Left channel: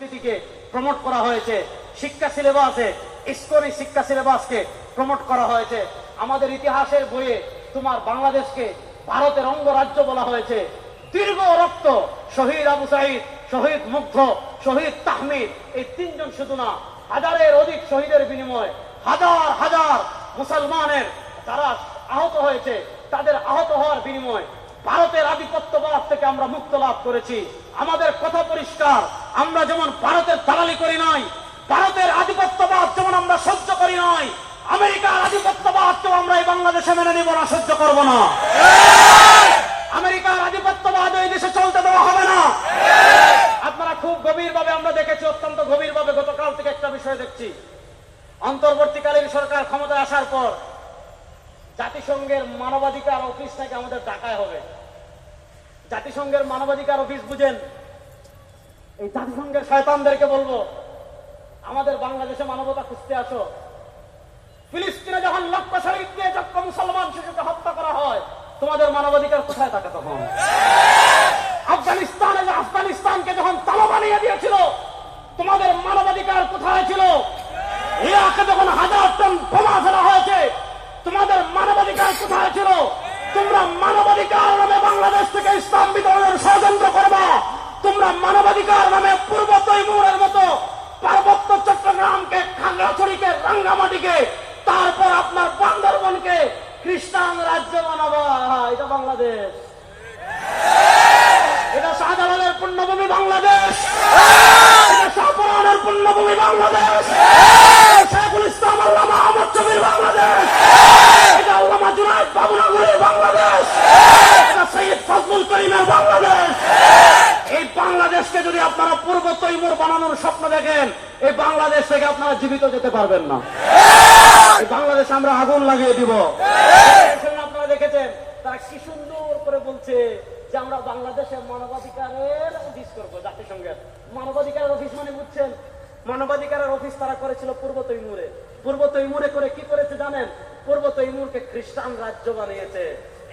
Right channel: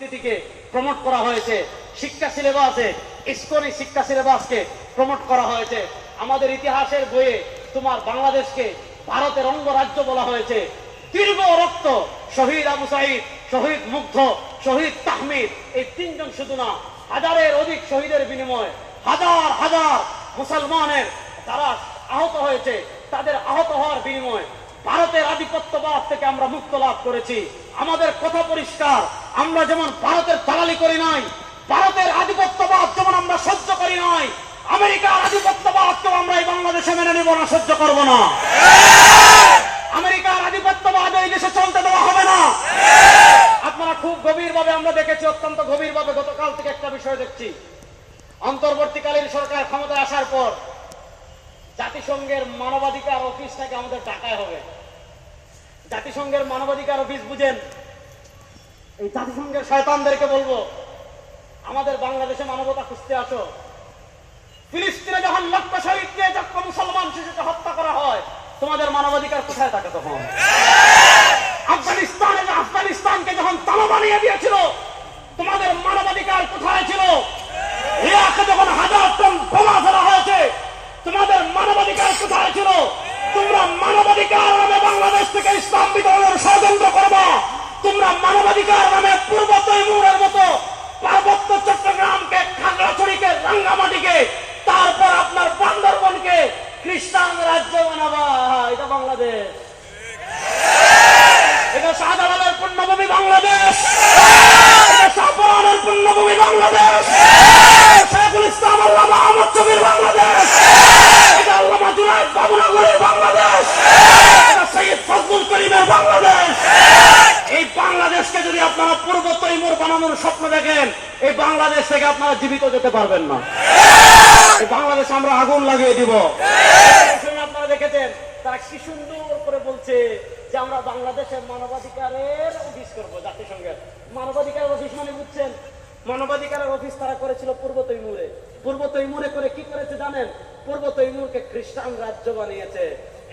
সংস্কৃতিকে প্রমোট করা হয়েছে, শিক্ষা সিলেবাসে ইসকনি শিক্ষা সিলেবাসকে প্রমোট করা হয়েছে। আমাদের ইতিহাসের বইয়ে তোমার বাংলাদেশকে ভারতের অঙ্গরাজ্য বলা হয়েছে। দীর্ঘ রক্ত, শহীদ আবু সাঈদ, শহীদ মুগ্ধ, শহীদ তাহমিদ, এই তিনজন শুধু না, হাজারের অধিক শহীদের বিনিময়ে হাজার হাজার মুসলমানের তারা আহত হয়েছে। তাদের আহত হওয়ার বিনিময়ে ভারতের আধিপত্যবাদ থেকে আমরা মুক্ত লাভ করেছি। আমাদের কথা পরিষ্কার, আমরা যেমন ভারতের দালালি করি নাই, ভারতের আধিপত্যবাদ যেমন আমরা সহ্য করি নাই, আমেরিকার আধিপত্যবাদকেও আমরা এই বাংলাদেশে মেনে নিব না, সহ্য করব না। আমেরিকার আধিপত্যবাদ এই দেশে চলতে দেওয়া হবে না। আপনারা খুব গভীরভাবে, আমরা দেখেছি অত্যন্ত গভীরভাবে, গতকাল থেকে একটা বিষয় দেখছি। অন্তর্বর্তীকালীন সরকার ক্ষমতায় আসার পর জাতিসংঘের মানবাধিকার অফিস থেকে আমাদের টাকায় হবে। জাতিসংঘের মানবাধিকার অফিস বুঝেন, এই জাতিসংঘের শয়তানদেরকে বলবো, আমাদের বাংলাদেশে মানবতা খুঁজতে আসো। ফিলিস্তিনে যখন লক্ষ শহীদ দিয়ে লক্ষ মুসলমান শিশুকে হত্যা করা হয়, তোমাদের মানবাধিকার কোথায় থাকে তখন? আফগানিস্তানকে যখন তালা বানিয়ে দিয়েছিল, তোমাদের মানবাধিকার কোথায় ছিল? ইরাকে যখন হাজার টন বোমা ফেলা হয়েছে, তোমাদের মানবাধিকার কোথায় ছিল? তোমরা মানবাধিকার নামে বাংলাদেশ থেকে ইসলাম বিতরণের ষড়যন্ত্র করবা। তোমরা মানবাধিকার নামে পূর্ব তৈমুরের মতো পার্বত্য চট্টগ্রামকে, খাগড়াছড়িকে, রাঙ্গামাটিকে, তারপর আপনার বান্দরবনকে খ্রিস্টান রাজ্য বানাবা। এটা বাংলাদেশ, এটা শাহজালালের পুণ্যভূমি বাংলাদেশ, এটা শাহপরানের পুণ্যভূমি বাংলাদেশ, শেখুল ইসলাম আল্লামা আহমদ শফীর বাংলাদেশ, এটা আল্লামা জুনায়েদ বাবুনগরের বাংলাদেশ, এটা সৈয়দ ফজলুল করিমের বাংলাদেশ। এই বাংলাদেশকে যদি আপনারা পূর্ব তৈমুর বানানোর স্বপ্ন দেখেন, এই বাংলাদেশ থেকে আপনারা জীবিত যেতে পারবেন না। এই বাংলাদেশে আমরা আগুন লাগিয়ে দিব। আপনারা দেখেছেন তারা কি সুন্দর করে বলছে যে আমরা বাংলাদেশের মানবাধিকারের অফিস করবো। জাতিসংঘের মানবাধিকারের অফিস মানে বুঝছেন, মানবাধিকারের অফিস তারা করেছিল পূর্ব তৈমুরে। পূর্ব তৈমুরে করে কি করেছে জানেন? পূর্ব তৈমুরকে খ্রিস্টান রাজ্য বানিয়েছে।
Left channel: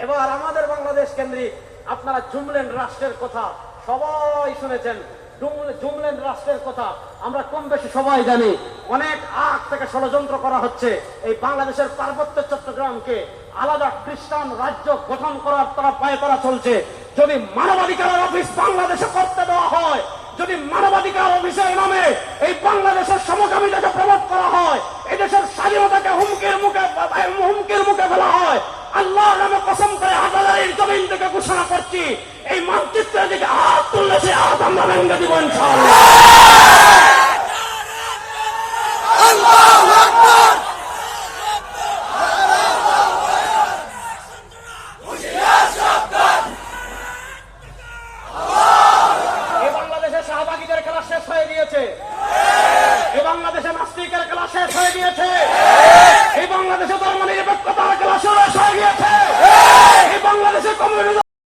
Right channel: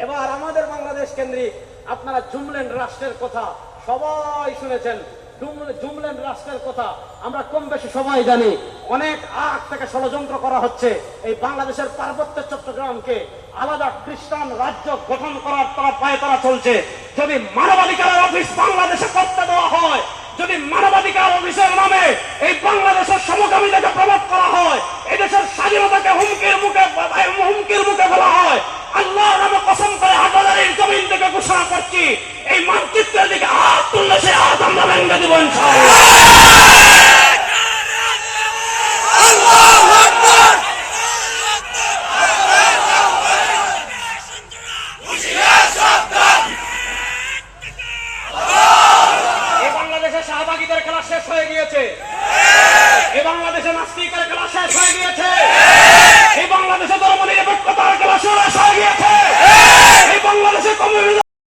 এবার আমাদের বাংলাদেশ কেন্দ্রিক আপনারা জুমল্যান্ড রাষ্ট্রের কথা সবাই শুনেছেন। জুমল্যান্ড রাষ্ট্রের কথা আমরা কম বেশি সবাই জানি। অনেক আগ থেকে ষড়যন্ত্র করা হচ্ছে এই বাংলাদেশের পার্বত্য চট্টগ্রামকে আলাদা খ্রিস্টান রাজ্য গঠন করার তারা পায়ে তারা চলছে। যদি মানবাধিকারের অফিস বাংলাদেশে করতে দেওয়া হয়, যদি মানবাধিকার অফিসের নামে এই বাংলাদেশের সমকামিতাকে প্রমোট করা হয়, এই দেশের স্বাধীনতাকে হুমকির মুখে ফেলা হয়, আল্লাহর নামে কসম করে হাজারের জমিন থেকে ঘোষণা করছি, এই মানচিত্রের দিকে হাত তুললে সে হাত আমরা ভেঙে দিব ইনশাআল্লাহ। এই বাংলাদেশে শাহবাগীদের খেলা শেষ হয়ে গিয়েছে, এই বাংলাদেশে নাস্তিকের খেলা শেষ হয়ে গিয়েছে, এই বাংলাদেশে ধর্মনিরপেক্ষতার খেলা শেষ হয়ে গিয়েছে, এই বাংলাদেশে কমিউনিজম